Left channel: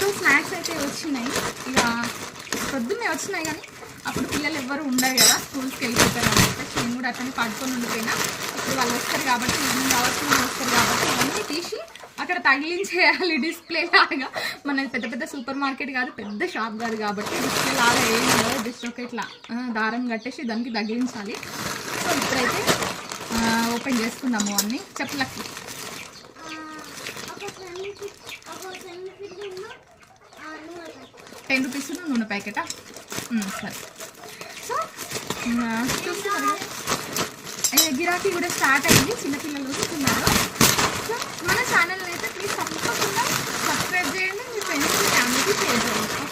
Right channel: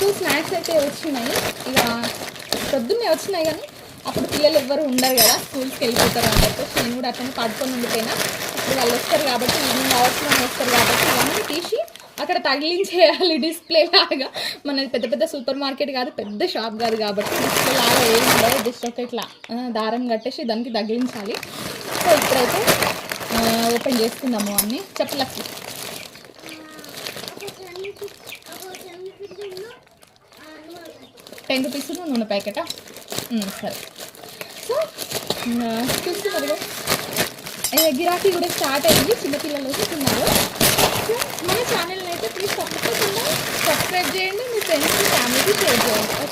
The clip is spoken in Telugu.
2 స్నాక్స్ అయితే వచ్చినాయి. ఇక పొద్దున్నే వచ్చినాయి కానీ అప్పుడు పిల్లలు ఎవ్వరు ఉండరు కదా, స్కూల్స్కి వెళ్ళిపోతారు అని చెప్పేసి నేను కూడా అట్లా పడుకొని ఉండిపోయినా. ఇప్పుడు వాళ్ళు వస్తారు కాబట్టి, ఈవినింగ్ అవర్స్లో వస్తారు కాబట్టి ఇవన్నీ తీసి అక్కడ తగిలించేయాలి డిస్ప్లే లాగా. మనది పెద్ద పెద్ద సూపర్ మార్కెట్ కాదు, పెద్ద షాప్ కాదు కాబట్టి డిస్ప్లే లాగా ఏమి ఉండదు. జస్ట్ ఒక ఇట్లా దారం కట్టేసి దానికి తగిలించాలి. సో ఇప్పుడైతే ఓపెన్ చేసుకుందాము అన్నీ. చెప్పలకి 10 రూపీస్ నూనె ప్యాకెటా? సరే. సో చూస్తున్నారు గిరాకీ కూడా స్టార్ట్ అయ్యింది, చిన్నపిల్లలు వస్తున్నారు. సో మన ఛానల్ని అయితే ప్లీజ్ తప్పకుండా సబ్స్క్రైబ్ చేయండి, మీ ఫ్రెండ్స్ ఫ్యామిలీకి షేర్ చేయండి.